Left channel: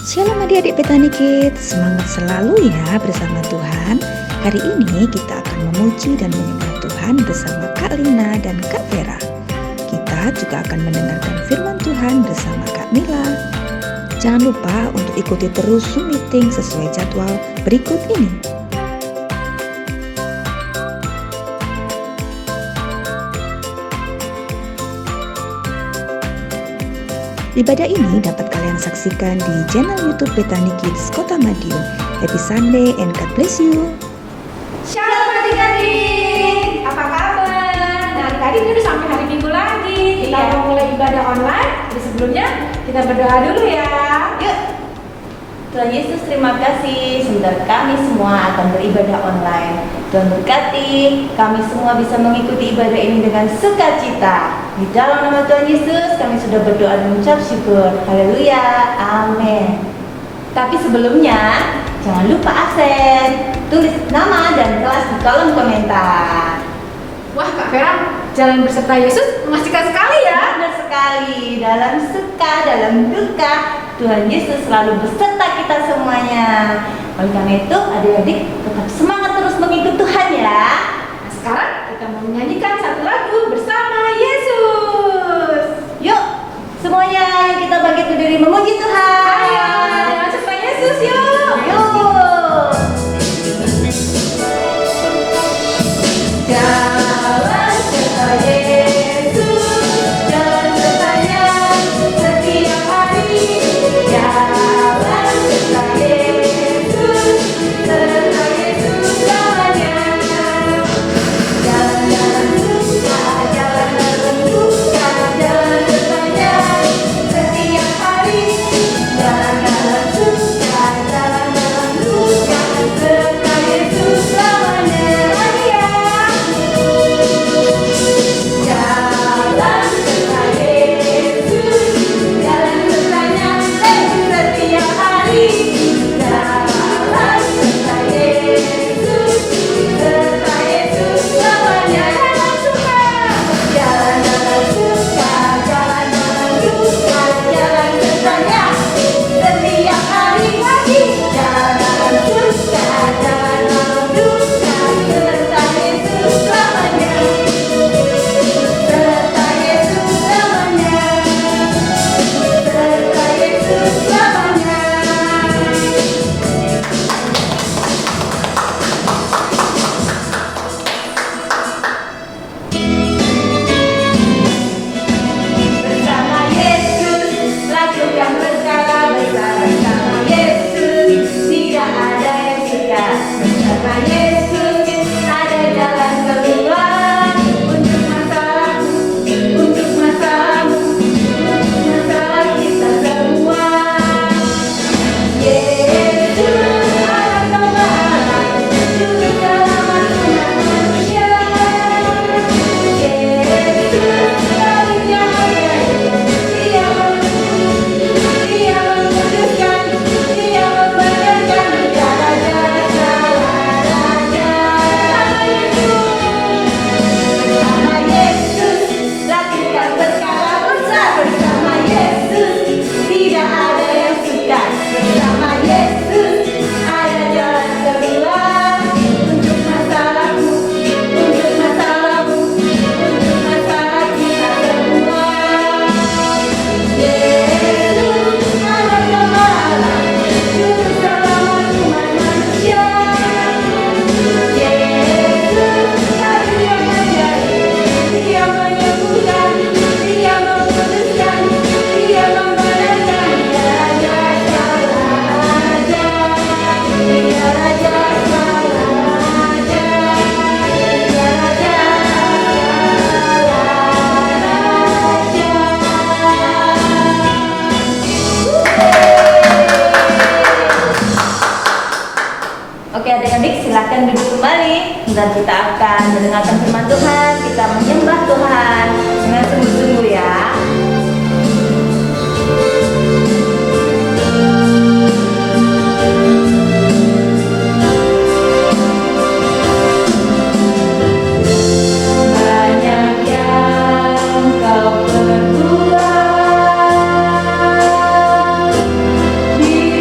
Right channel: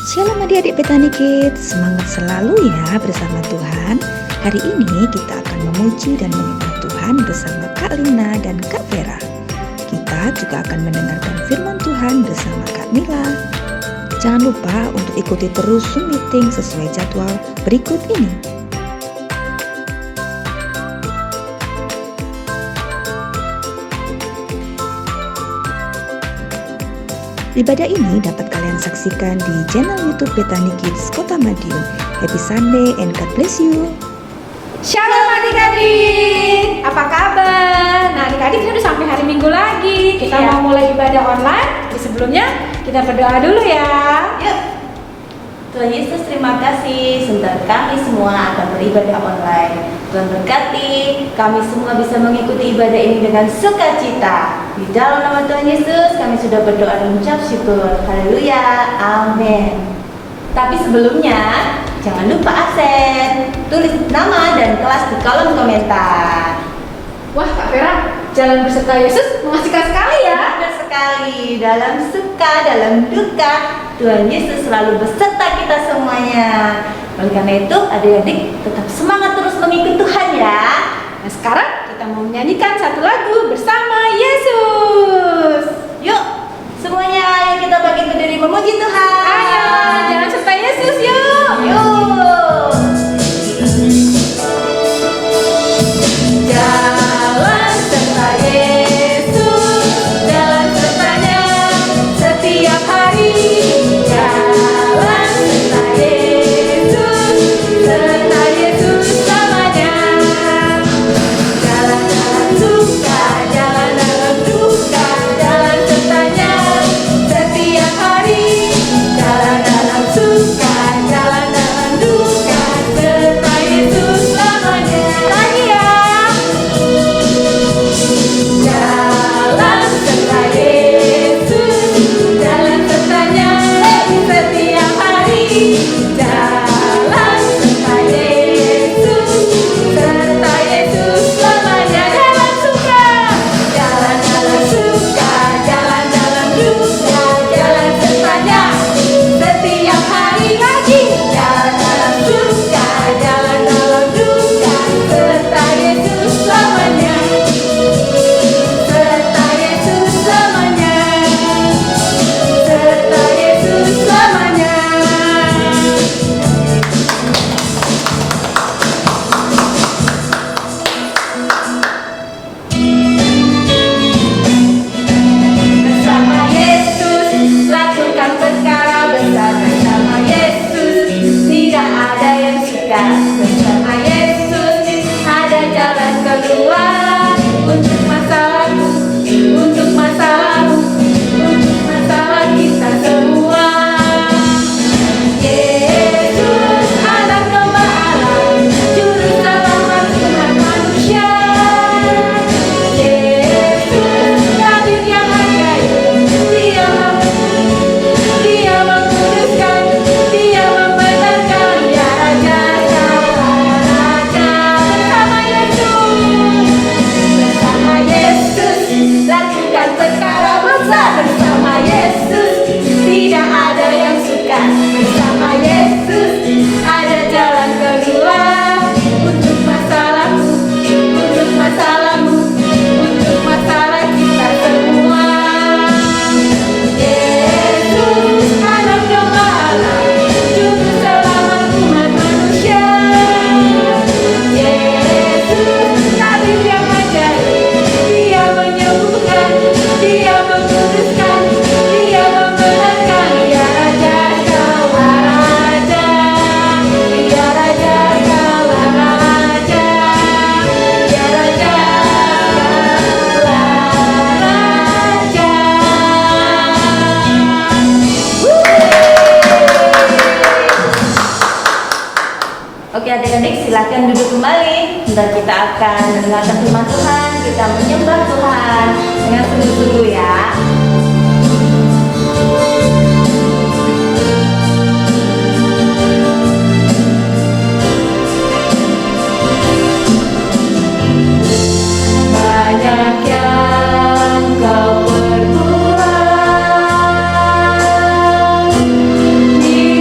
Shalom adik-adik Petani Kids, semangat selalu ya bersama Tuhan. Hari ini kita akan memuji dan menyembah Tuhan bersama Kak Lina dan Kak Vera. Kita juga akan mendengarkan firman Tuhan bersama Kak Mila. Jangan lupa untuk ikuti terus Zoom meeting sesuai jadwal berikut ini. Ibadah ini dapat kalian saksikan di channel YouTube Petani Kids Kota Madiun. Happy Sunday and God bless you. Shalom adik-adik, apa kabar? Nah adik-adik ini udah sampai hari Minggu lagi. Kita mau mulai ibadah online. Tapi sebelumnya kita berdoa dulu ya. Yuk, Tuhan Yesus terima kasih sebentar kami semua akan beribadah online. Tuhan berkati kami semua bisa mengikuti ibadah ini dengan sukacita. Di dalam nama Tuhan Yesus kami sudah berdoa dan mengucap syukur. Haleluya, amin. Tapi sebelumnya jangan lupa absen. Tulis nama dan kelas di kolom komentar. Wah Kak Vera, jalan beserta Yesus mengasihkan sekali ya. Benar sekali, dalam suka, dalam duka, Tuhan Yesus selalu beserta kita semuanya. Oleh karena itu, adik-adik tetap semangat terus mengikut Tuhan ya. Nah sekarang kita mau menyanyikan satu lagu bersama Yesus. Yuk, semuanya yuk kita bagi diri memuji Tuhan. Ayo, jalan beserta Yesus yuk. Yuk. Jalan serta Yesus, jalan sertanya setiap hari. Jalan serta Yesus selamanya. Jalan-jalan suka, jalan dalam duka, jalan sertanya setiap hari. Jalan dalam suka, jalan dalam duka, serta Yesus selamanya. Lagi ya. Jalan serta Yesus, jalan sertanya setiap hari. Jalan serta Yesus selamanya. Jalan suka, jalan dalam suka, jalan dalam duka, jalan sertanya setiap hari. Lagi jalan dalam suka, jalan dalam duka, serta Yesus selamanya. Serta Yesus selamanya. Serta Yesus selamanya. Bersama Yesus lakukan perkara besar. Bersama Yesus tidak ada yang suka. Bersama Yesus ada jalan keluar untuk masalahmu, untuk masalahmu, untuk masalah kita semua. Yesus anak domba Allah, juru selamat umat manusia. Yesus tabib yang ajaib, Dia menguduskan, Dia membenarkan, Dia Raja segala raja. Sama Yesus, bersama Yesus lakukan perkara besar. Bersama Yesus tidak ada yang suka. Bersama Yesus ada jalan keluar untuk masalahmu, untuk masalahmu, untuk masalah kita semua. Yesus anak domba Allah, juru selamat umat manusia. Yesus tabib yang ajaib, Dia menyembuhkan, Dia menguduskan, Dia membenarkan. Dia Raja segala raja, Dia Raja segala raja, Dia Raja segala raja. Oke adik-adik silakan duduk kembali dan kita akan mendengarkan firman Tuhan. Kita menyembah Tuhan dengan sungguh-sungguh ya. Banyak yang kau perbuat di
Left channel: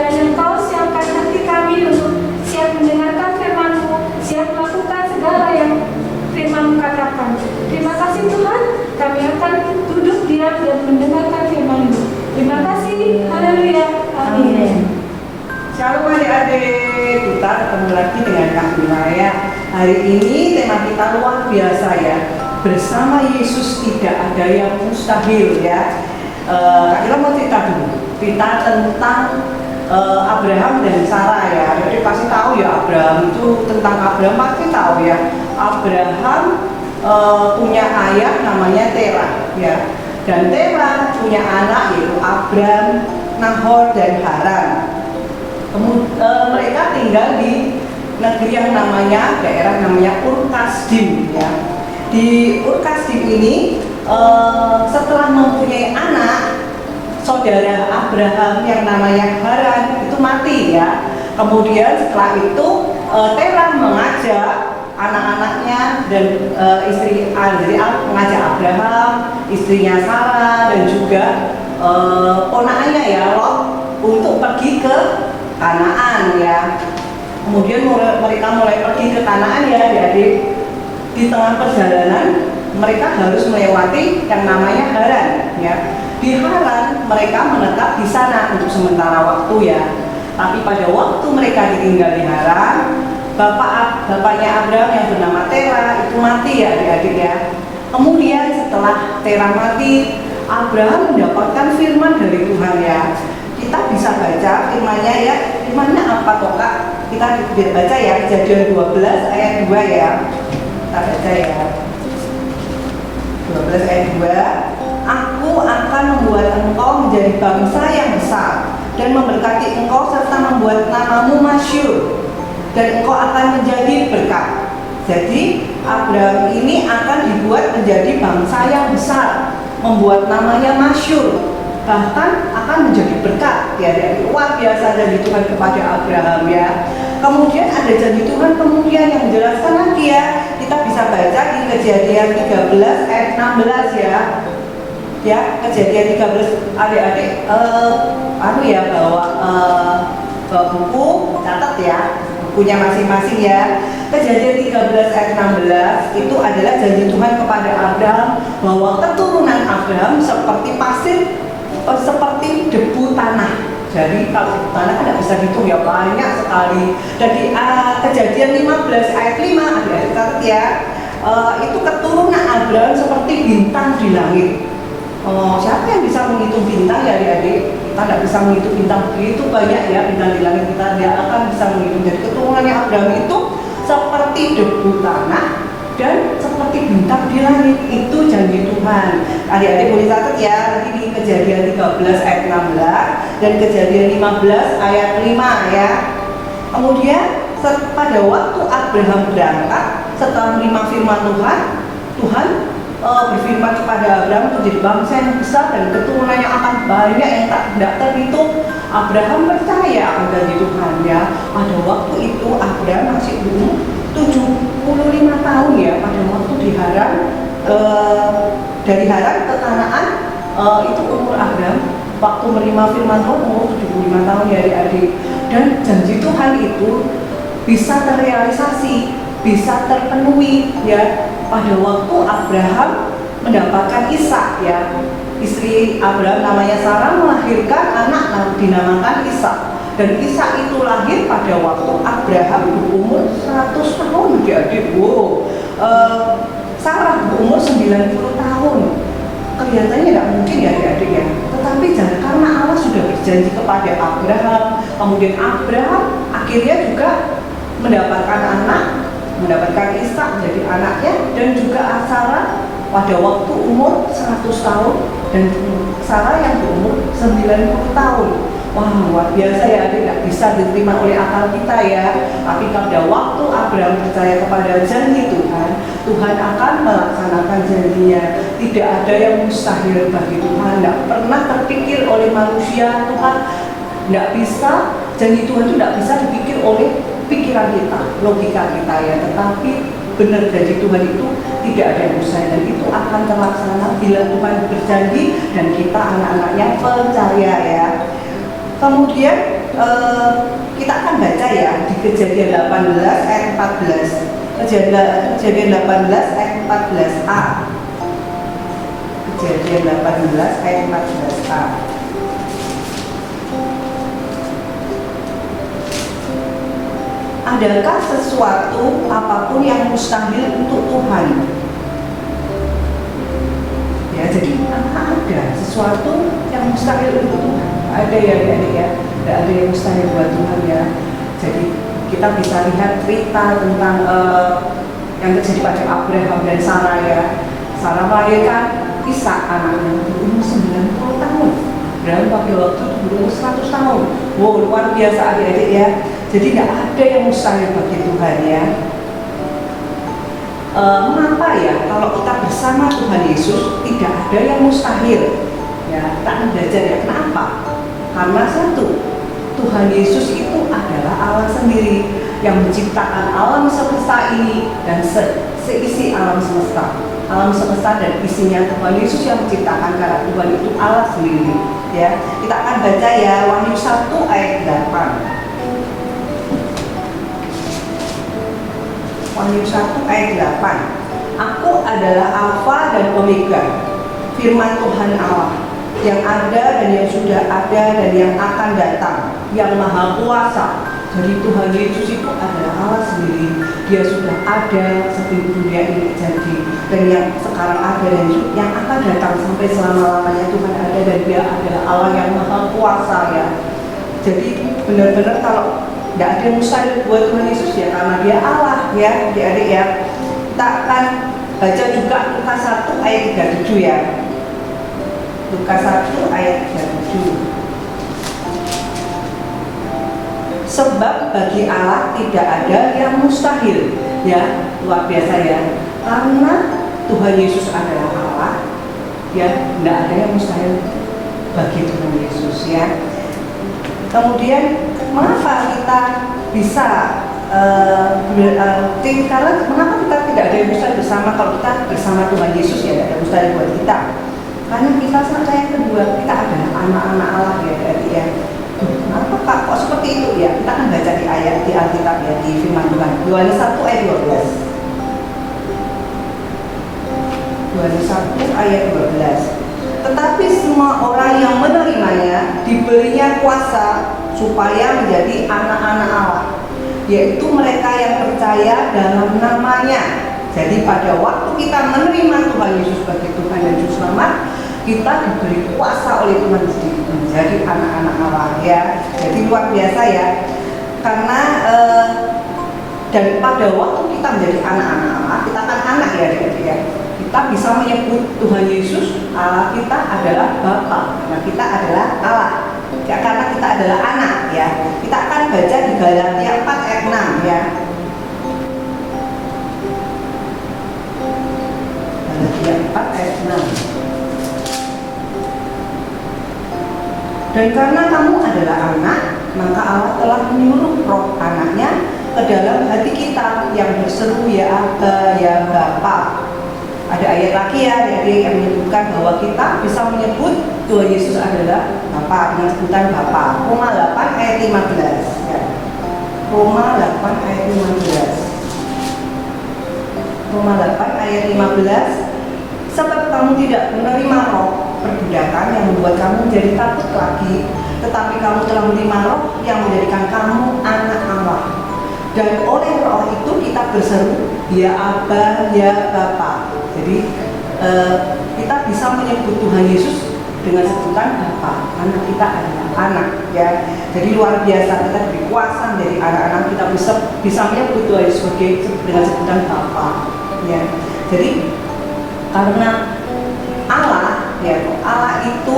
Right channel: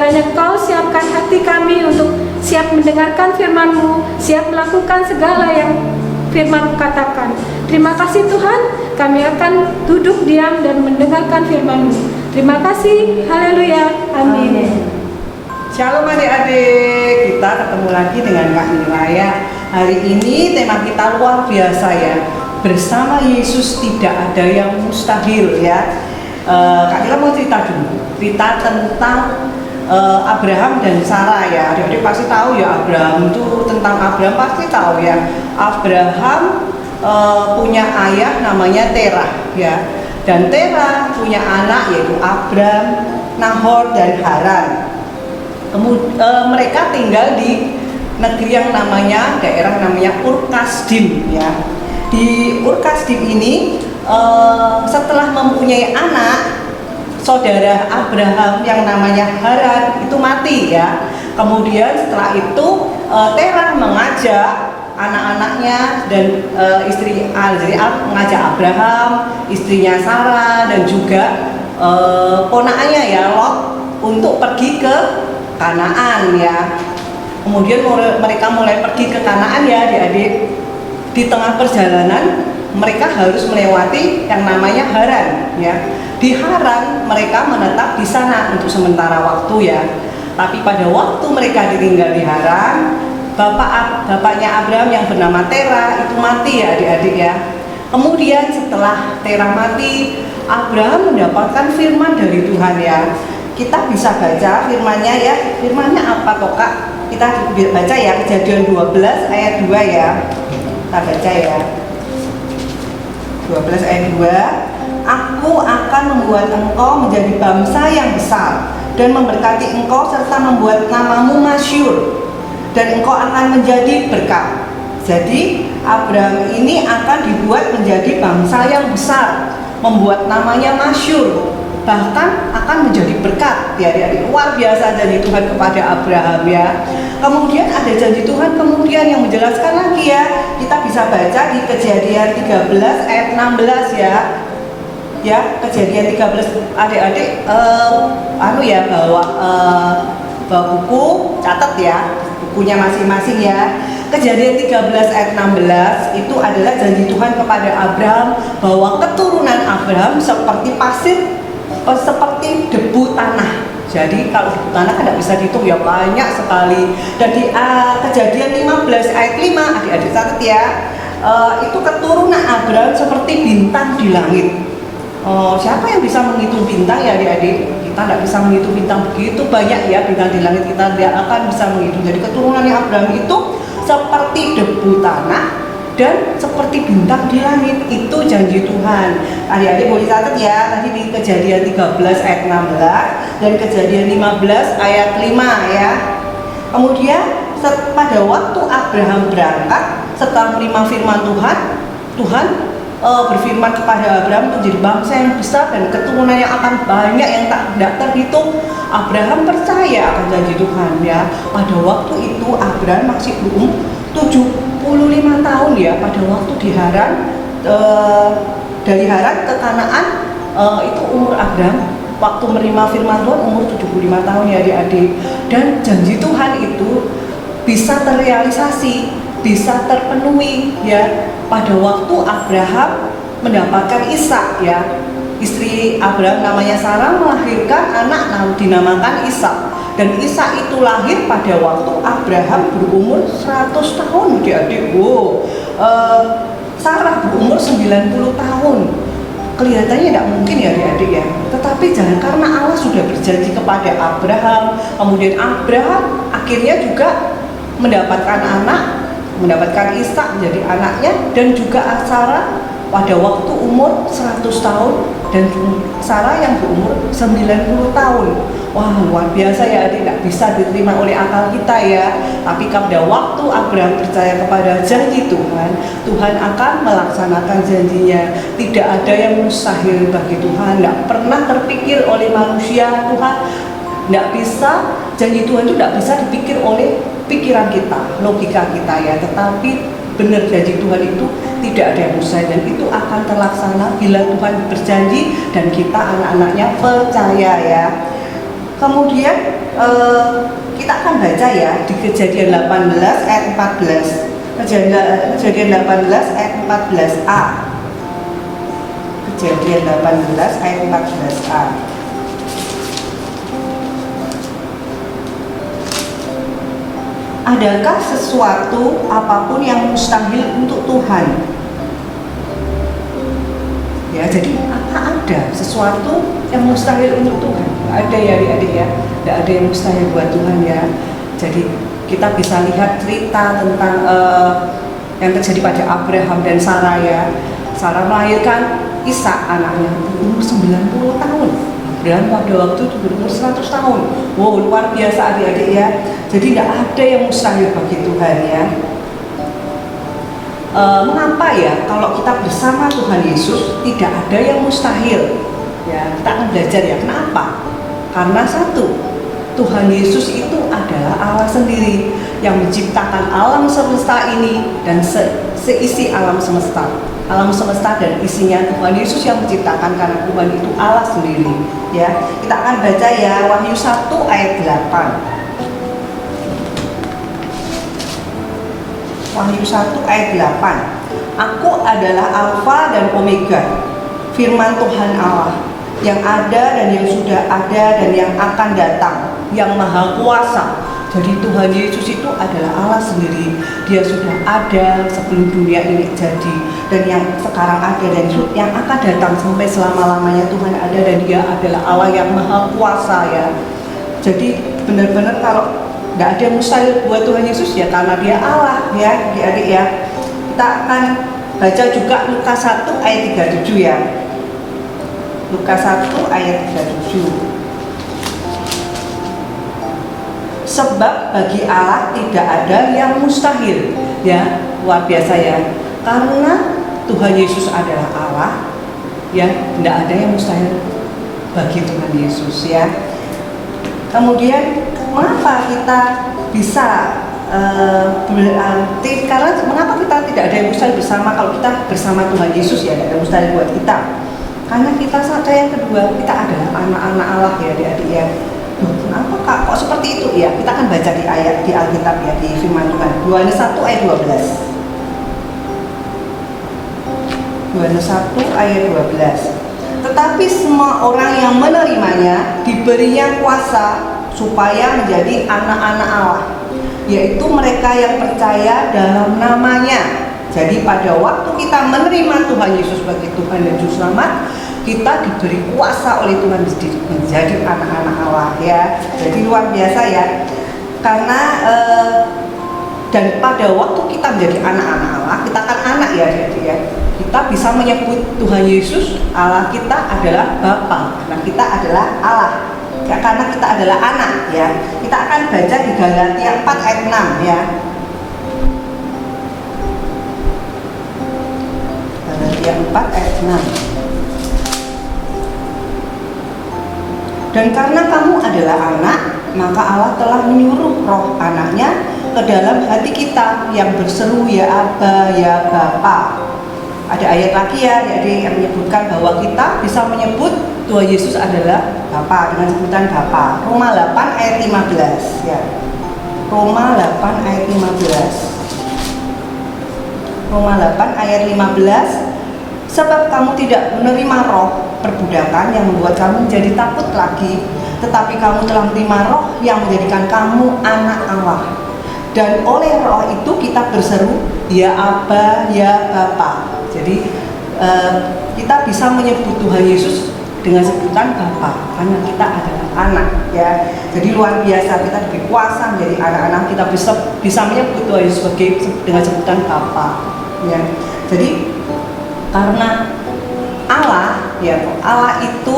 kiranya Engkau siapkan hati kami untuk siap mendengarkan firman-Mu, siap melakukan segala yang firman-Mu katakan. Terima kasih Tuhan, kami akan duduk diam dan mendengarkan firman-Mu. Terima kasih, haleluya, amin. Shalom adik-adik, kita ketemu lagi dengan Kak Lina ya. Hari ini tema kita luar biasa ya. Bersama Yesus tidak ada yang mustahil ya. Kak Lina mau cerita dulu, cerita tentang Abraham dan Sarah ya. Adik-adik pasti tahu ya, Abraham itu, tentang Abraham pasti tahu ya. Abraham punya ayah namanya Terah ya. Dan Terah punya anak yaitu Abram, Nahor dan Haran. Mereka tinggal di negeri yang daerah namanya Ur Kasdim ya. Di Ur Kasdim ini setelah mempunyai anak, saudara Abraham yang namanya Haran itu mati ya. Kemudian setelah itu Terah mengajak anak-anaknya dan istri mengajak Abraham, istrinya Sarah dan juga ponakannya ya Lot untuk pergi ke Kanaan ya. Kemudian mereka mulai pergi ke Kanaan ya adik-adik. Di tengah perjalanan mereka harus melewati yang namanya Haran ya. Di Haran mereka menetap di sana untuk sementara waktu ya. Tapi pada waktu mereka ditinggal di Haran, bapaknya Abraham yang bernama Terah itu mati ya adik-adik ya. Kemudian setelah Terah mati, Abraham mendapatkan firman dari Tuhan ya. Kita bisa baca firman-Nya ya. Firman-nya apa kok Kak? Kita baca ya, Kejadian 12 ayat 2 ya. Kita baca ya. 12 ayat 2. Aku akan membuat engkau menjadi bangsa yang besar dan memberkati engkau serta membuat namamu masyhur, dan engkau akan menjadi berkat. Jadi Abraham ini akan dibuat menjadi bangsa yang besar, membuat namanya masyhur, bahkan akan menjadi berkat ya. Luar biasa janji Tuhan kepada Abraham ya. Kemudian ada janji Tuhan kemudian yang menjelaskan lagi ya. Kita bisa baca di Kejadian 13 ayat 16 ya. Ya, Kejadian 13 adik-adik bawa buku, catat ya bukunya masing-masing ya. Kejadian 13 ayat 16 itu adalah janji Tuhan kepada Abraham bahwa keturunan Abraham seperti pasir, seperti debu tanah. Jadi kalau debu tanah kan tidak bisa dihitung ya, banyak sekali. Dan di Kejadian 15 ayat 5 adik-adik catat ya, itu keturunan Abraham seperti bintang di langit. Siapa yang bisa menghitung bintang ya adik-adik? Kita tidak bisa menghitung bintang, begitu banyak ya bintang di langit, kita tidak akan bisa menghitung. Jadi keturunan Abraham itu seperti debu tanah dan seperti bintang di langit, itu janji Tuhan. Adik-adik boleh catat ya, tadi di Kejadian 13 ayat 16 dan Kejadian 15 ayat 5 ya. Kemudian pada waktu Abraham berangkat setelah menerima firman Tuhan berfirman kepada Abraham untuk jadi bangsa yang besar dan keturunannya akan banyak yang tidak terhitung. Abraham percaya akan janji Tuhan ya. Pada waktu itu Abraham masih berumur 75 tahun ya. Pada waktu di Haran, dari Haran ke Kanaan, itu umur Abraham waktu menerima firman Tuhan umur 75 tahun ya adik-adik. Dan janji Tuhan itu bisa terrealisasi, bisa terpenuhi ya. Pada waktu Abraham mendapatkan Ishak ya, istri Abraham namanya Sarah melahirkan anak dinamakan Ishak, dan Ishak itu lahir pada waktu Abraham berumur 100 tahun adik-adik. Sarah berumur 90 tahun. Kelihatannya tidak mungkin ya adik-adik ya, tetapi karena Allah sudah berjanji kepada Abraham, kemudian Abraham akhirnya juga mendapatkan anak, mendapatkan Ishak menjadi anaknya, dan juga Sarah pada waktu umur 100 tahun dan Sarah yang berumur 90 tahun. Wah, luar biasa ya adik, nggak bisa diterima oleh akal kita ya. Tapi pada waktu Abraham percaya kepada janji Tuhan, Tuhan akan melaksanakan janjinya. Tidak ada yang mustahil bagi Tuhan. Nggak pernah terpikir oleh manusia. Tuhan nggak bisa, janji Tuhan itu nggak bisa dipikir oleh pikiran kita, logika kita ya. Tetapi benar janji Tuhan itu tidak ada yang mustahil, dan itu akan terlaksana bila Tuhan berjanji dan kita anak-anaknya percaya ya. Kemudian kita akan baca ya di Kejadian 18 ayat 14. Kejadian 18 ayat 14a. Kejadian 18 ayat 14a. Adakah sesuatu apapun yang mustahil untuk Tuhan? Ya, jadi ada sesuatu yang mustahil untuk Tuhan. Ada ya adik ya, tidak ada yang mustahil buat Tuhan ya. Jadi kita bisa lihat cerita tentang yang terjadi pada Abraham dan Sarah ya. Sarah melahirkan Ishak anaknya berumur 90 tahun. Dan pada waktu itu berumur 100 tahun. Wow, luar biasa adik-adik ya. Jadi tidak ada yang mustahil bagi Tuhan ya. Mengapa ya kalau kita bersama Tuhan Yesus tidak ada yang mustahil? Ya, kita akan belajar ya. Kenapa? Karena satu, Tuhan Yesus itu adalah Allah sendiri yang menciptakan alam semesta ini dan seisi alam semesta. Alam semesta dan isinya Tuhan Yesus yang menciptakan, karena Tuhan itu Allah sendiri. Ya, kita akan baca ya Wahyu 1 ayat 8. Wahyu 1 ayat 8. Aku adalah Alfa dan Omega, firman Tuhan Allah, yang ada dan yang sudah ada dan yang akan datang, yang maha kuasa. Jadi Tuhan Yesus itu adalah Allah sendiri. Dia sudah ada sebelum dunia ini jadi, dan yang sekarang ada dan yang akan datang sampai selama-lamanya. Tuhan ada dan Dia adalah Allah yang maha kuasa ya. Jadi benar-benar kalau tidak ada yang mustahil buat Tuhan Yesus ya, karena Dia Allah ya adik-adik ya. Kita akan baca juga Lukas 1 ayat 37 ya. Lukas 1 ayat 37. Sebab bagi Allah tidak ada yang mustahil ya, luar biasa ya. Karena Tuhan Yesus adalah Allah ya, tidak ada yang mustahil bagi Tuhan Yesus ya. Kemudian mengapa kita bisa karena mengapa kita tidak ada yang mustahil bersama? Kalau kita bersama Tuhan Yesus ya tidak ada mustahil buat kita. Karena kita yang kedua, kita adalah anak-anak Allah ya adik-adik ya. Kenapa Kak kok seperti itu ya? Kita akan baca di ayat di Alkitab ya, di firman Tuhan. Yohanes 1 ayat 12. Yohanes 1 ayat 12. Tetapi semua orang yang menerimanya diberinya kuasa supaya menjadi anak-anak Allah, yaitu mereka yang percaya dalam namanya. Jadi pada waktu kita menerima Tuhan Yesus sebagai Tuhan dan Juru Selamat, kita diberi kuasa oleh Tuhan sendiri menjadi anak-anak Allah ya. Jadi luar biasa ya. Karena dan pada waktu kita menjadi anak-anak Allah, kita kan anak ya, jadi ya. Kita bisa menyebut Tuhan Yesus Allah kita adalah Bapa, karena kita adalah Allah. Ya, karena kita adalah anak ya. Kita akan baca di Galatia 4 ayat 6 ya. Galatia 4 ayat 6. Dan karena kamu adalah anak, maka Allah telah menyuruh roh anaknya ke dalam hati kita yang berseru ya Aba, ya Bapa. Ada ayat lagi ya adik-adik yang menyebutkan bahwa kita bisa menyebut Tuhan Yesus adalah Bapa dengan sebutan Bapa. Roma 8 ayat 15 ya. Roma 8 ayat 15. Roma 8 ayat 15. Sebab kamu tidak menerima roh perbudakan yang membuat kamu menjadi takut lagi, tetapi kamu telah menerima roh yang menjadikan kamu anak Allah. Dan oleh roh itu kita berseru ya Aba, ya Bapa. Jadi kita bisa menyebut Tuhan Yesus dengan sebutan Bapa karena kita adalah anak ya. Jadi luar biasa, kita diberi kuasa menjadi anak-anak. Kita bisa menyebut Tuhan Yesus dengan sebutan Bapa ya. Jadi karena Allah ya, Allah itu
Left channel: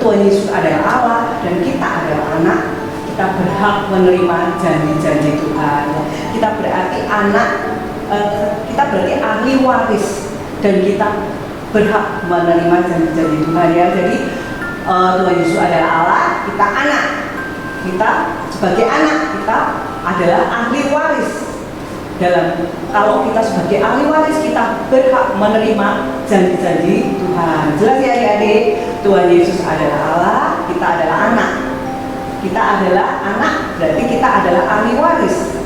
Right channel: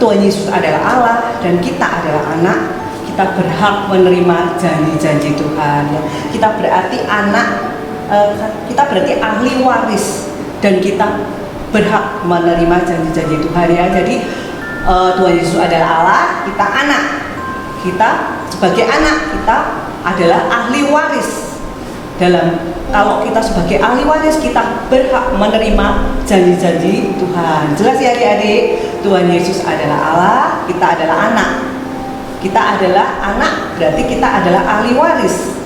Tuhan Yesus adalah Allah dan kita adalah anak, kita berhak menerima janji-janji Tuhan ya. Kita berarti anak, kita berarti ahli waris dan kita berhak menerima janji-janji Tuhan ya. Jadi Tuhan Yesus adalah Allah, kita anak. Kita sebagai anak, kita adalah ahli waris. Kalau kita sebagai ahli waris, kita berhak menerima janji-janji Tuhan. Jelas ya adik-adik? Tuhan Yesus adalah Allah, kita adalah anak. Kita adalah anak, berarti kita adalah ahli waris.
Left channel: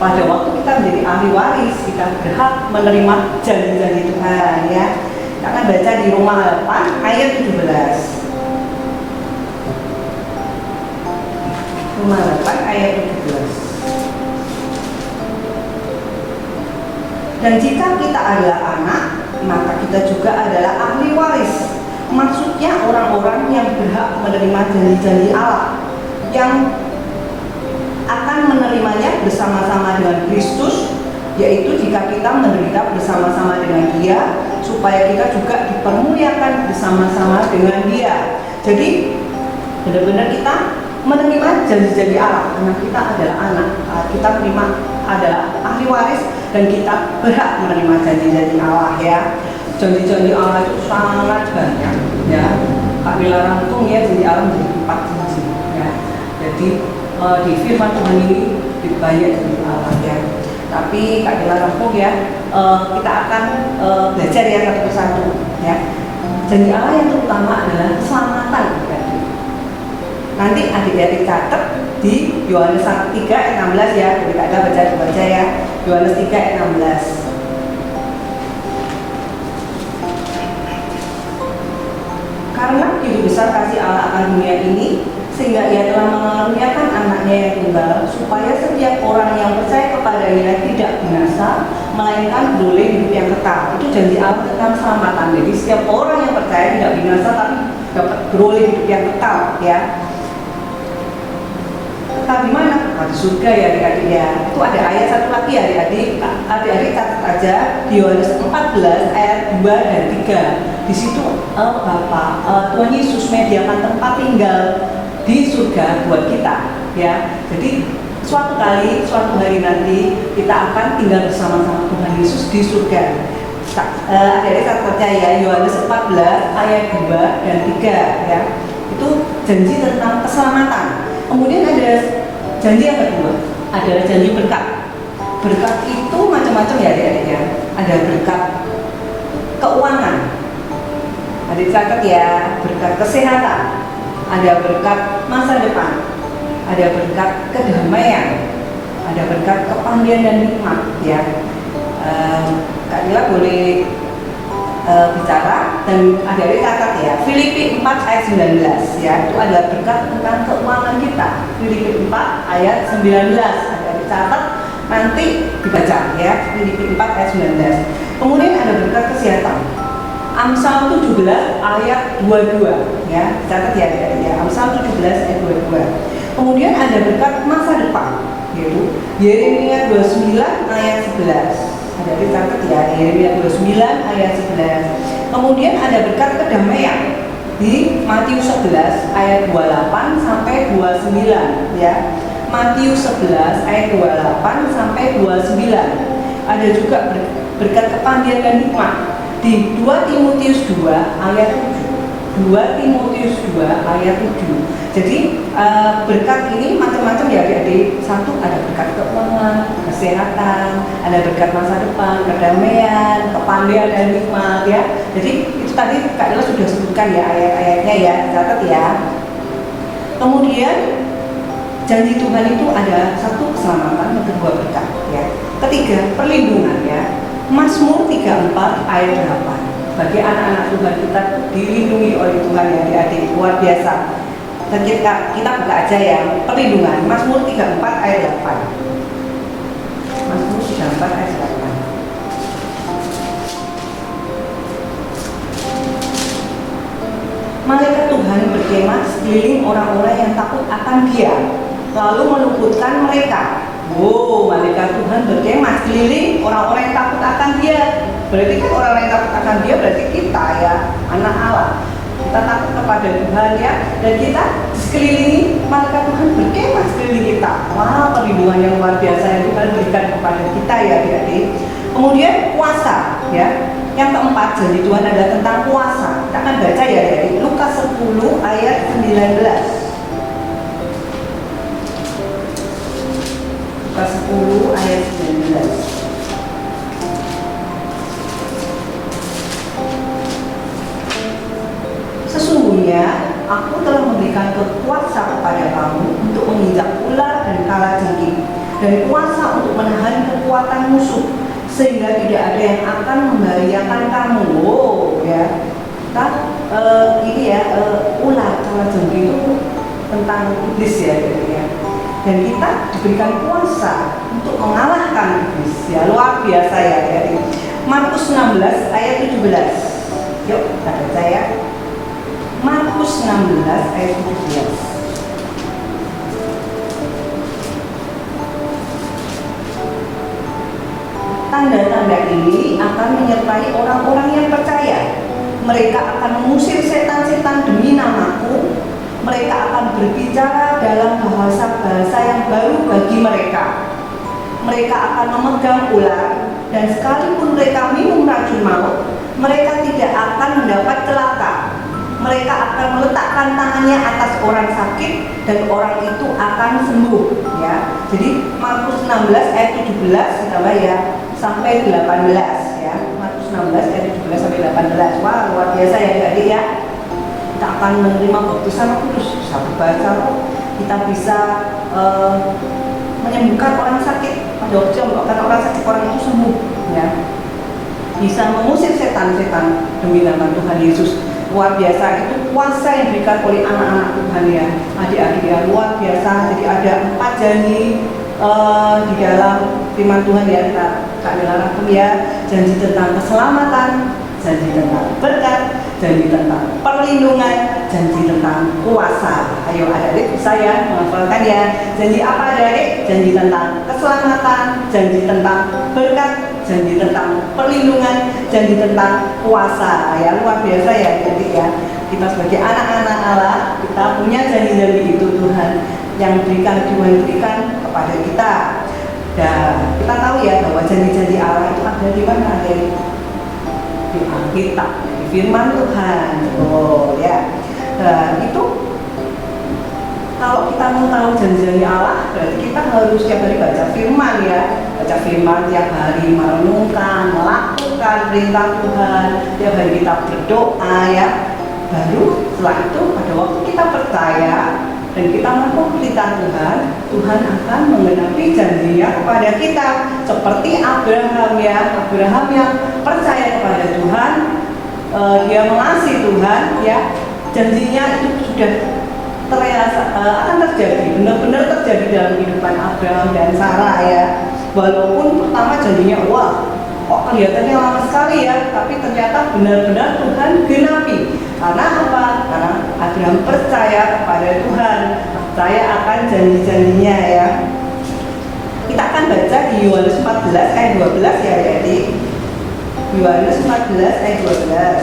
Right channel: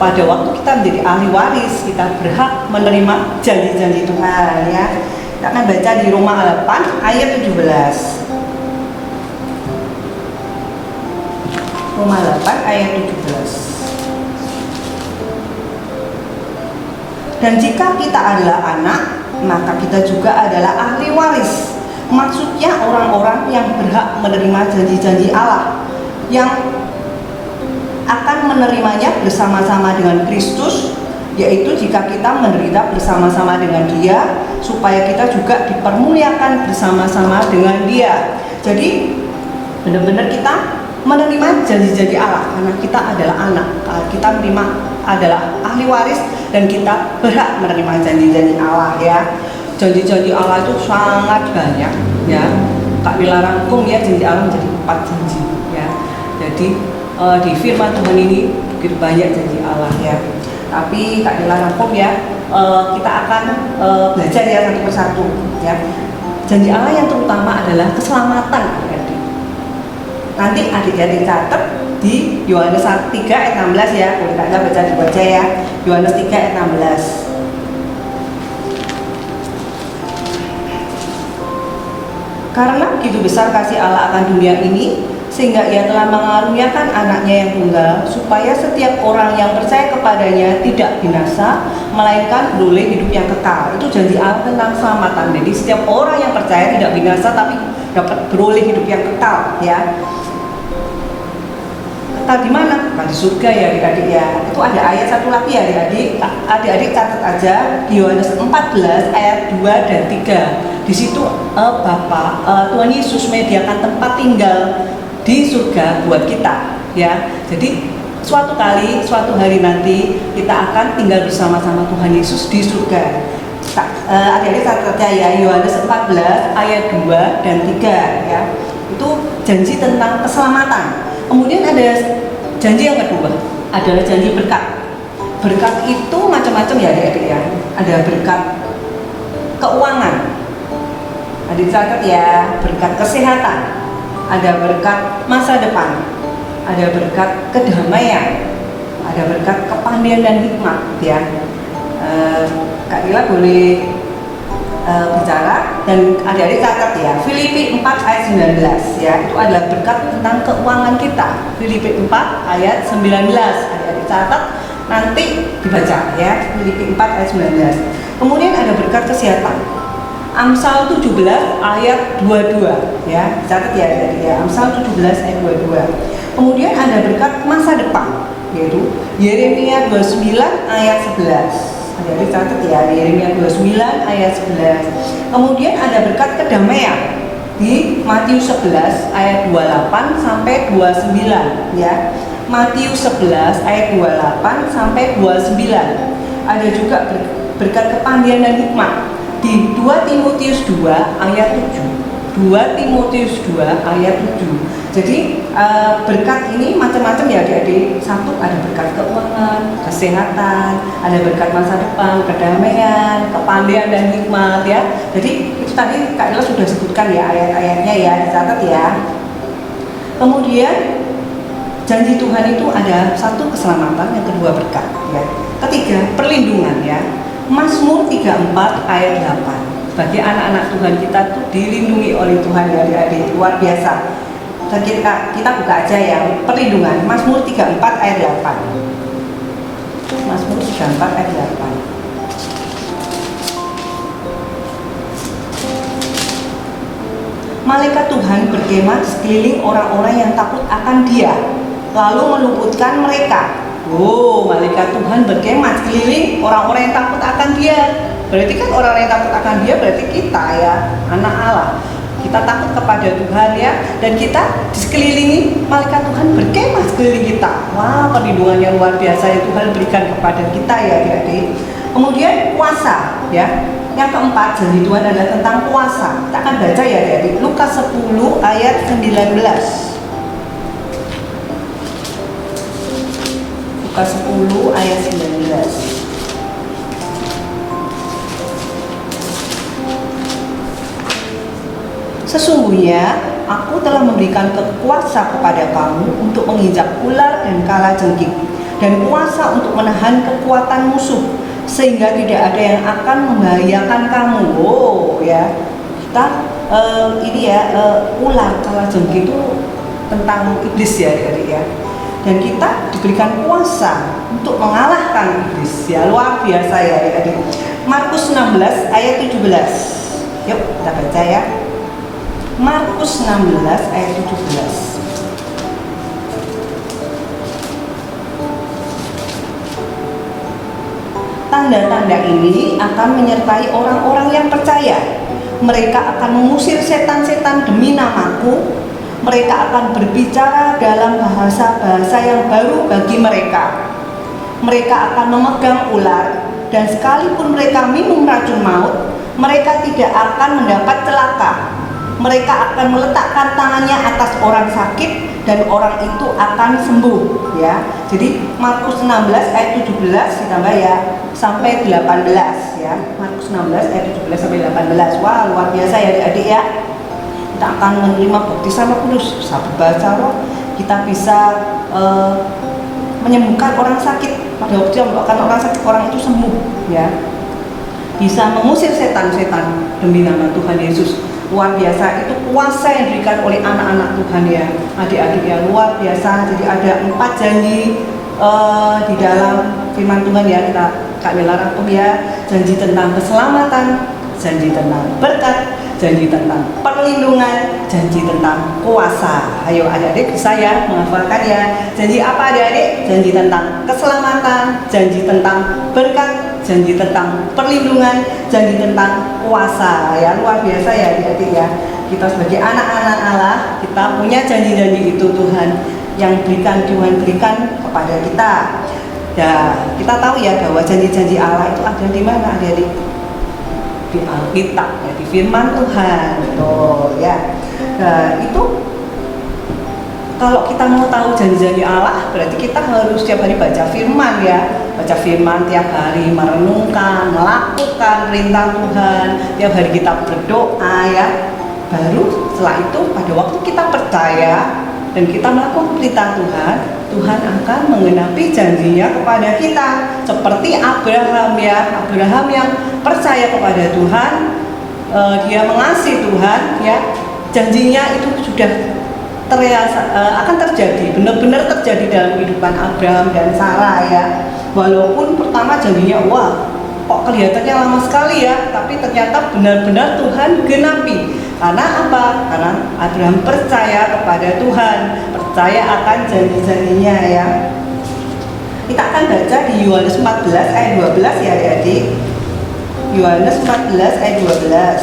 Pada waktu kita menjadi ahli waris, kita berhak menerima janji-janji Tuhan ya. Kita akan baca di Roma 8 ayat 17. Roma 8 ayat 17. Dan jika kita adalah anak, maka kita juga adalah ahli waris. Maksudnya orang-orang yang berhak menerima janji-janji Allah, yang akan menerimanya bersama-sama dengan Kristus, yaitu jika kita menderita bersama-sama dengan Dia, supaya kita juga dipermuliakan bersama-sama dengan Dia. Jadi benar-benar kita menerima janji-janji Allah karena kita adalah anak. Kita menerima adalah ahli waris dan kita berhak menerima janji-janji Allah ya. Janji-janji Allah itu sangat banyak ya. Kak Wila rangkum ya janji Allah menjadi 4 janji ya. Jadi di firman Tuhan ini begitu banyak janji Allah ya. Tapi Kak Wila rangkum ya, kita akan belajar ya satu persatu ya. Janji Allah yang terutama adalah keselamatan adik-adik. Nanti adik-adik catat di Yohanes 3 ayat 16 ya. Boleh Kak Wila baca ya. Yohanes 3 ayat 16. Karena begitu besar kasih Allah akan dunia ini, sehingga Ia telah mengaruniakan anaknya yang tunggal, supaya setiap orang yang percaya kepadanya tidak binasa, melainkan beroleh hidup yang kekal. Itu janji Allah tentang keselamatan. Jadi setiap orang yang percaya tidak binasa, tapi dapat beroleh hidup yang kekal ya. Kekal di mana? Di surga ya adik-adik ya. Itu ada ayat satu lagi ya adik-adik. Adik-adik catat aja di Yohanes 14 ayat 2 dan 3. Di situ Tuhan Yesus menyediakan tempat tinggal di surga buat kita ya. Jadi suatu hari nanti kita akan tinggal bersama-sama Tuhan Yesus di surga. Adik-adik catat aja ya, Yohanes 14 ayat 2 dan 3 ya. Itu janji tentang keselamatan. Kemudian ada janji yang kedua, adalah janji berkat. Berkat itu macam-macam ya adik-adik ya. Ada berkat keuangan, adik catat ya, berkat kesehatan, ada berkat masa depan, ada berkat kedamaian, ada berkat kepandaian dan hikmat ya. Kak Lila boleh bicara dan adik-adik catat ya. Filipi 4 ayat 19 ya, itu ada berkat tentang keuangan kita. Filipi 4 ayat 19, adik-adik catat nanti dibaca ya. Filipi 4 ayat 19. Kemudian ada berkat kesehatan, Amsal 17 ayat 22 ya, catat ya adik-adik ya. Amsal 17 ayat 22. Kemudian ada berkat masa depan, yaitu Yeremia 29 ayat 11. Jadi catat ya, Yeremia 29 ayat 11. Kemudian ada berkat kedamaian di Matius 11 ayat 28 sampai 29 ya. Matius 11 ayat 28 sampai 29. Ada juga berkat kepandaian dan hikmat di 2 Timotius 2 ayat 7. 2 Timotius 2 ayat 7. Jadi berkat ini macam-macam ya adik-adik. Satu ada berkat keuangan, kesehatan, ada berkat masa depan, kedamaian, kepandaian dan hikmat ya. Jadi itu tadi Kak Ella sudah sebutkan ya ayat-ayatnya ya, dicatat ya. Kemudian janji Tuhan itu ada satu keselamatan, yang kedua berkat ya. Ketiga perlindungan ya. Mazmur 34 ayat 8. Bagi anak-anak Tuhan kita tuh dilindungi oleh Tuhan ya adik-adik, luar biasa. Dan kita buka aja ya, perlindungan Mazmur 34 ayat 8. Mazmur 34 ayat 8. Malaikat Tuhan berkemah sekeliling orang-orang yang takut akan Dia, lalu meluputkan mereka. Oh, malaikat Tuhan berkemah sekeliling orang-orang yang takut akan Dia. Berarti kan orang-orang yang takut akan Dia berarti kita ya, anak Allah. Kita takut kepada Tuhan ya, dan kita sekelilingi malaikat Tuhan berkemah sekeliling kita. Wah, perlindungan yang luar biasa yang Tuhan berikan kepada kita ya adik-adik. Kemudian puasa ya. Yang keempat, janji Tuhan adalah tentang puasa. Kita akan baca ya adik-adik, Lukas 10 ayat 19. Lukas 10 ayat 19. Sesungguhnya aku telah memberikan kuasa kepada kamu untuk menginjak ular dan kalajengking, dan kuasa untuk menahan kekuatan musuh, sehingga tidak ada yang akan membahayakan kamu. Oh ya, kita ular kalajengking itu tentang iblis ya, ya. Dan kita diberikan kuasa untuk mengalahkan iblis ya, luar biasa ya adik-adik. Markus 16 ayat 17. Yuk kita baca ya. Markus 16 ayat 17. Tanda-tanda ini akan menyertai orang-orang yang percaya. Mereka akan mengusir setan-setan demi namaku. Mereka akan berbicara dalam bahasa-bahasa yang baru bagi mereka. Mereka akan memegang ular, dan sekalipun mereka minum racun maut, mereka tidak akan mendapat celaka. Mereka akan meletakkan tangannya atas orang sakit, dan orang itu akan sembuh. Ya, jadi Markus 16 ayat 17 ditambah ya sampai 18 ya. Markus 16 ayat 17 sampai 18. Wah, luar biasa ya adik-adik ya. Kita akan menerima baptisan Roh Kudus, bisa berbaca roh, kita bisa menyembuhkan orang sakit. Pada waktu yang melakukan orang sakit, orang itu sembuh ya. Bisa mengusir setan-setan demi nama Tuhan Yesus. Luar biasa, itu kuasa yang diberikan oleh anak-anak Tuhan ya, adik-adik ya, luar biasa. Jadi ada 4 janji di dalam firman Tuhan ya, Kak Nela rangkum ya. Janji tentang keselamatan, janji tentang berkat, janji tentang perlindungan, janji tentang kuasa. Ayo adik-adik bisa ya menghafalkan ya. Janji apa adik-adik? Janji tentang keselamatan, janji tentang berkat, janji tentang perlindungan, janji tentang kuasa. Ya, luar biasa ya adik-adik ya. Kita sebagai anak-anak Allah, kita punya janji-janji itu Tuhan yang Tuhan berikan kepada kita. Ya, kita tahu ya bahwa janji-janji Allah itu ada di mana adik-adik? Di Alkitab, di firman Tuhan. Oh ya. Nah, itu kalau kita mau tahu janji-janji Allah, berarti kita harus setiap hari baca firman ya. Baca firman tiap hari, merenungkan, melakukan perintah Tuhan. Tiap hari kita berdoa ya. Baru setelah itu pada waktu kita percaya dan kita melakukan perintah Tuhan, Tuhan akan menggenapi janjinya kepada kita. Seperti Abraham ya, Abraham yang percaya kepada Tuhan, dia mengasihi Tuhan ya, janjinya itu sudah akan terjadi, benar-benar terjadi dalam kehidupan Abraham dan Sarah ya. Walaupun pertama janjinya wah kok kelihatannya lama sekali ya, tapi ternyata benar-benar Tuhan genapi. Karena apa? Karena Abraham percaya kepada Tuhan, percaya akan janji-janjinya ya. Kita akan baca di Yohanes 14 ayat 12 ya adik. Yohanes 14 ayat 12.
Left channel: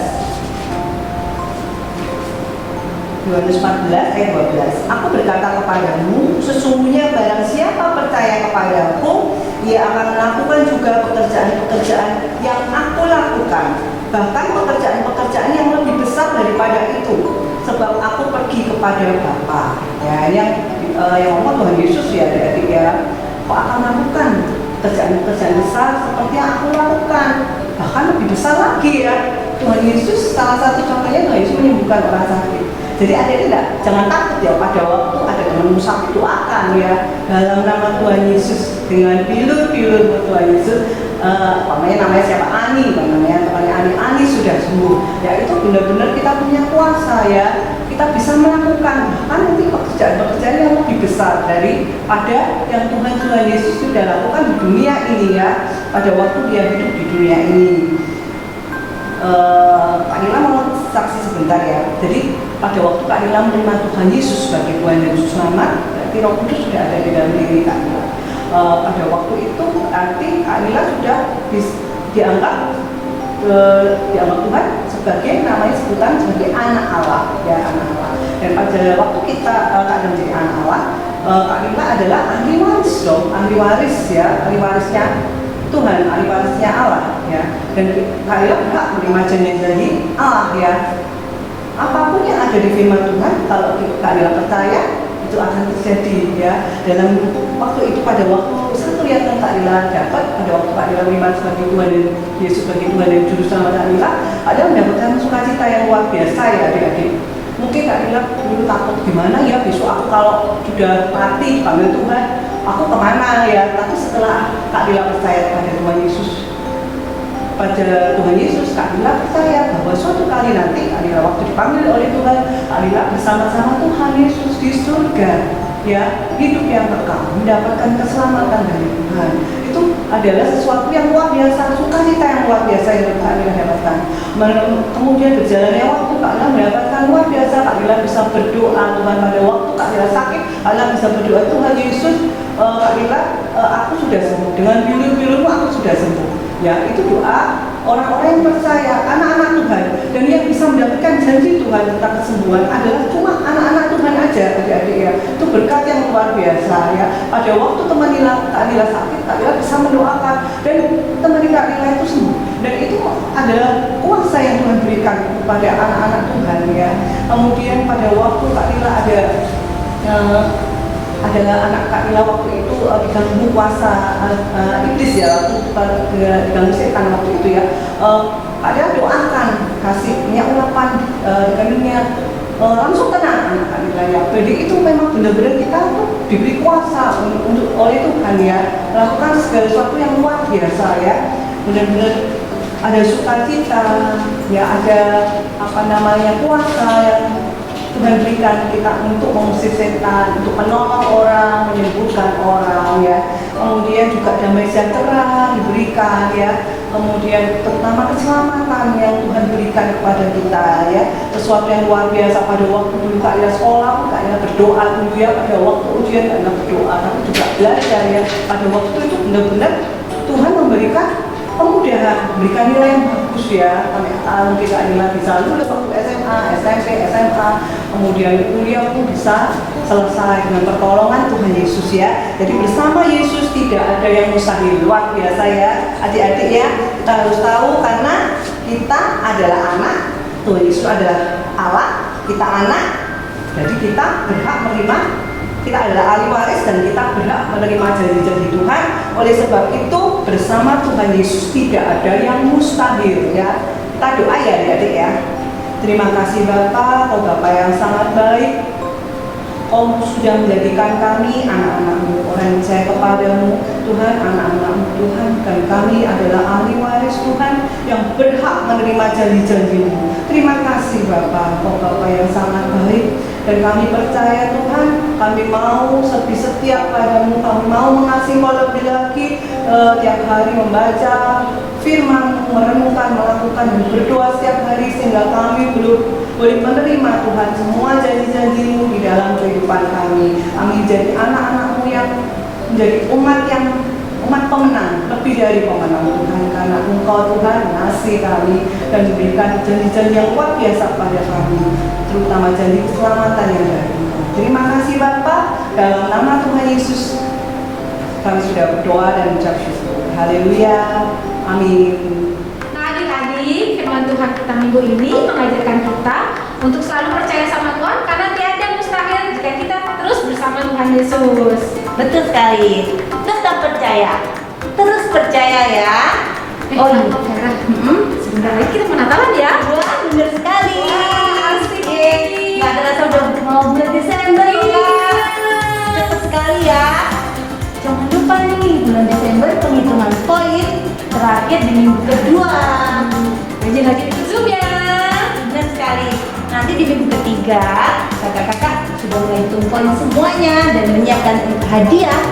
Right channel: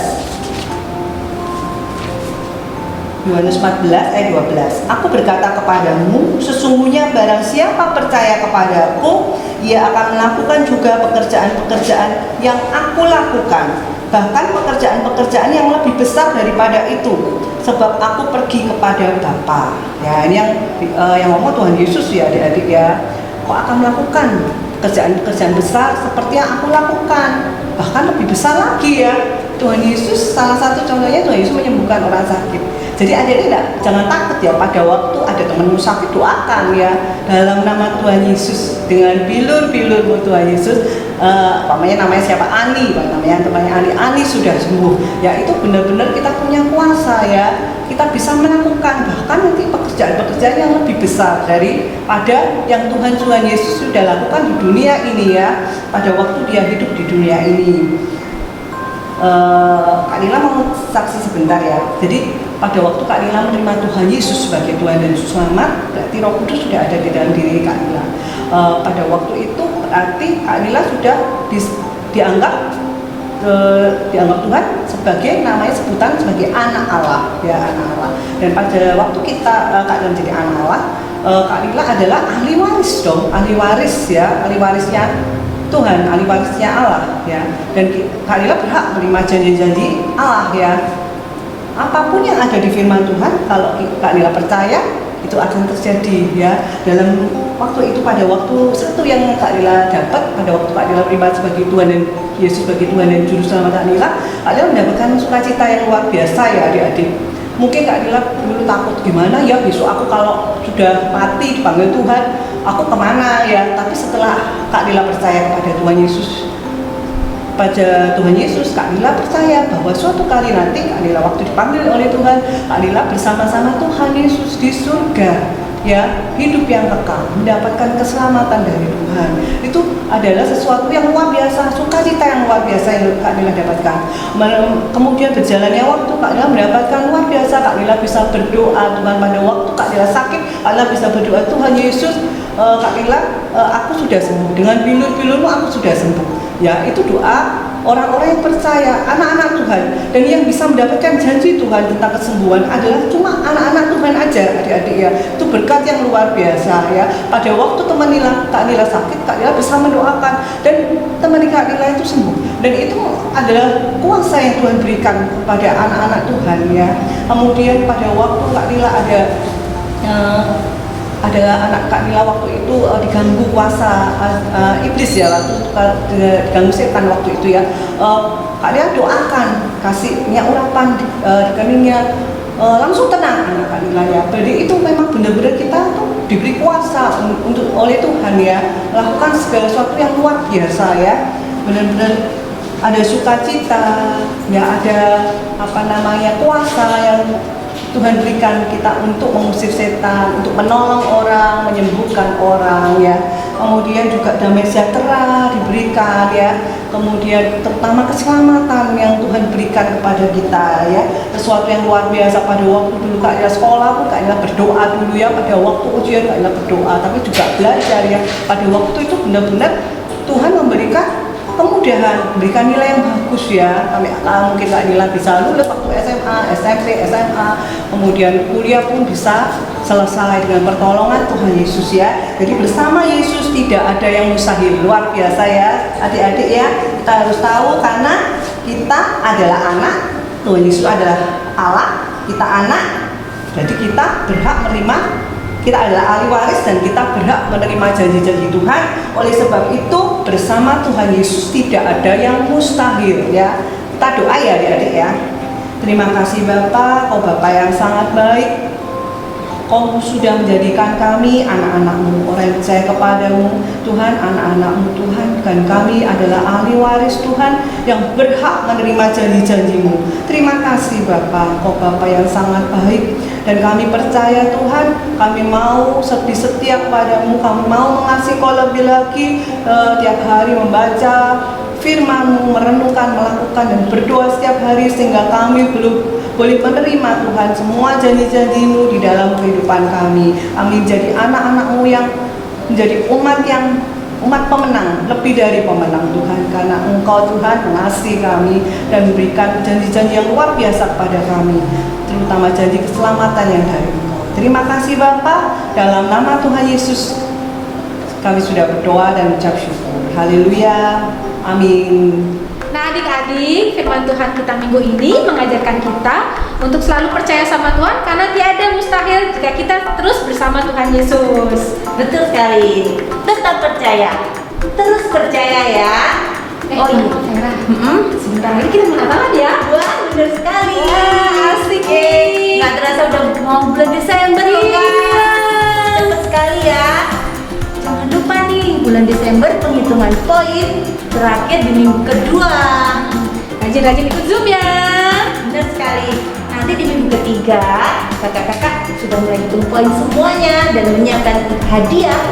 Yohanes 14 ayat 12. Aku berkata kepadamu, sesungguhnya barang siapa percaya kepadaku, ia akan melakukan juga pekerjaan-pekerjaan yang aku lakukan, bahkan pekerjaan-pekerjaan yang lebih besar daripada itu, sebab aku pergi kepada Bapa. Ya, ini yang ngomong Tuhan Yesus ya adik-adik ya. Aku akan melakukan pekerjaan-pekerjaan besar seperti yang aku lakukan, bahkan lebih besar lagi ya. Tuhan Yesus salah satu contohnya, Tuhan Yesus menyembuhkan orang sakit. Jadi adik-adik jangan takut ya, pada waktu ada temanmu sakit doakan ya dalam nama Tuhan Yesus, dengan bilur-bilur Tuhan Yesus. Namanya siapa? Ani, namanya temannya Ani sudah sembuh. Ya itu benar-benar kita punya kuasa ya, kita bisa melakukan bahkan nanti pekerjaan-pekerjaan yang lebih besar daripada yang Tuhan Yesus sudah lakukan di dunia ini ya, pada waktu dia hidup di dunia ini. Kak Lila mau saksi sebentar ya. Jadi pada waktu Kak Lila menerima Tuhan Yesus sebagai Tuhan dan Juru Selamat, berarti Roh Kudus sudah ada di dalam diri Kak Lila. Pada waktu itu berarti Kak Lila sudah dianggap Tuhan sebagai namanya sebutan sebagai anak Allah ya, anak Allah. Dan pada waktu kita Kak Lila menjadi anak Allah, Kak Lila adalah ahli waris dong, ahli waris ya, ahli warisnya Tuhan, ahli warisnya Allah ya. Dan Kak Lila berhak menerima janji-janji Allah ya. Apapun yang ada di firman Tuhan, kalau Kak Lila percaya, itu akan terjadi ya. Dalam waktu itu, pada waktu itu yang Kak Lila dapat, pada waktu Kak Lila menerima sebagai Tuhan dan Yesus sebagai Tuhan dan Juru Selamat Kak Lila mendapatkan sukacita yang luar biasa ya adik-adik. Mungkin Kak Lila dulu takut gimana ya besok aku kalau sudah mati dipanggil Tuhan, aku kemana ya. Tapi setelah Kak Lila percaya kepada Tuhan Yesus, Kak Lila percaya bahwa suatu kali nanti Kak Lila waktu dipanggil oleh Tuhan, Kak Lila bersama-sama Tuhan Yesus di surga, ya, hidup yang kekal, mendapatkan keselamatan dari Tuhan. Itu adalah sesuatu yang luar biasa, sukacita yang luar biasa yang Kak Lila dapatkan. Kemudian berjalannya waktu, Kak Lila mendapatkan luar biasa. Kak Lila bisa berdoa Tuhan pada waktu Kak Lila sakit, Kak Lila bisa berdoa Tuhan Yesus, Kak Lila, aku sudah sembuh, dengan bilur-bilurmu aku sudah sembuh. Ya, itu doa orang-orang yang percaya, anak-anak Tuhan. Dan yang bisa mendapatkan janji Tuhan tentang kesembuhan adalah cuma anak-anak Tuhan aja, adik-adik ya. Itu berkat yang luar biasa ya. Pada waktu Kak Lila sakit, Kak Lila bisa mendoakan dan teman Kak Lila itu sembuh. Dan itu adalah kuasa yang Tuhan berikan kepada anak-anak Tuhan ya. Kemudian pada waktu Kak Lila ada anak Kak Lila waktu itu diganggu kuasa iblis ya, waktu itu diganggu setan waktu itu ya. Kak Lila doakan, kasih minyak urapan di keningnya, langsung tenang anak Kak Lila ya. Jadi itu memang benar-benar kita tuh diberi kuasa oleh Tuhan ya, melakukan segala sesuatu yang luar biasa ya. Benar-benar ada sukacita ya, ada kuasa yang Tuhan berikan kita untuk mengusir setan, untuk menolong orang, menyembuhkan orang ya. Kemudian juga damai sejahtera diberikan ya. Kemudian terutama keselamatan yang Tuhan berikan kepada kita ya. Sesuatu yang luar biasa. Pada waktu dulu Kak Lila sekolah pun Kak Lila berdoa dulu ya. Pada waktu ujian Kak Lila berdoa, tapi juga belajar ya. Pada waktu itu benar-benar Tuhan memberikan kemudahan, berikan nilai yang bagus ya. Mungkin Kak Lila bisa lulus waktu SMA, SMP, SMA, kemudian kuliah pun bisa selesai dengan pertolongan Tuhan Yesus ya. Jadi bersama Yesus tidak ada yang mustahil. Luar biasa ya adik-adik ya. Kita harus tahu karena kita adalah anak, Tuhan Yesus adalah Allah, kita anak, jadi kita berhak menerima. Kita adalah ahli waris dan kita berhak menerima janji-janji Tuhan. Oleh sebab itu bersama Tuhan Yesus tidak ada yang mustahil ya. Kita doa ya adik-adik ya. Terima kasih Bapa, Kau Bapa yang sangat baik. Kau sudah menjadikan kami anak-anak-Mu, orang yang percaya kepadamu Tuhan, anak-anak-Mu Tuhan. Dan kami adalah ahli waris Tuhan yang berhak menerima janji-janji-Mu. Terima kasih Bapa, Kau Bapa yang sangat baik. Dan kami percaya Tuhan, kami mau setia padamu, kami mau mengasihi Kau lebih lagi, tiap hari membaca firman, merenungkan, melakukan dan berdoa setiap hari sehingga kami boleh menerima Tuhan semua janji-janji-Mu di dalam kehidupan kami. Kami menjadi anak-anak-Mu yang menjadi umat pemenang, lebih dari pemenang Tuhan, karena Engkau Tuhan mengasihi kami dan memberikan janji-janji yang luar biasa kepada kami, terutama janji keselamatan yang dari Engkau. Terima kasih Bapa, dalam nama Tuhan Yesus kami sudah berdoa dan ucap syukur. Haleluya, amin. Nah adik-adik, firman Tuhan kita minggu ini mengajarkan kita untuk selalu percaya sama Tuhan, karena tiada mustahil jika kita terus bersama Tuhan Yesus. Betul sekali. Tetap percaya. Terus percaya ya. Oh iya, sebentar lagi kita Natalan ya. Wah, benar sekali. Wah, asik ya. Nggak terasa udah mau bulan Desember loh Kak. Cepet sekali ya. Jangan lupa nih, bulan Desember penghitungan poin terakhir di minggu kedua. Rajin-rajin ikut Zoom ya. Benar sekali. Nanti di minggu ketiga kakak-kakak sudah mulai hitung poin semuanya dan menyiapkan hadiah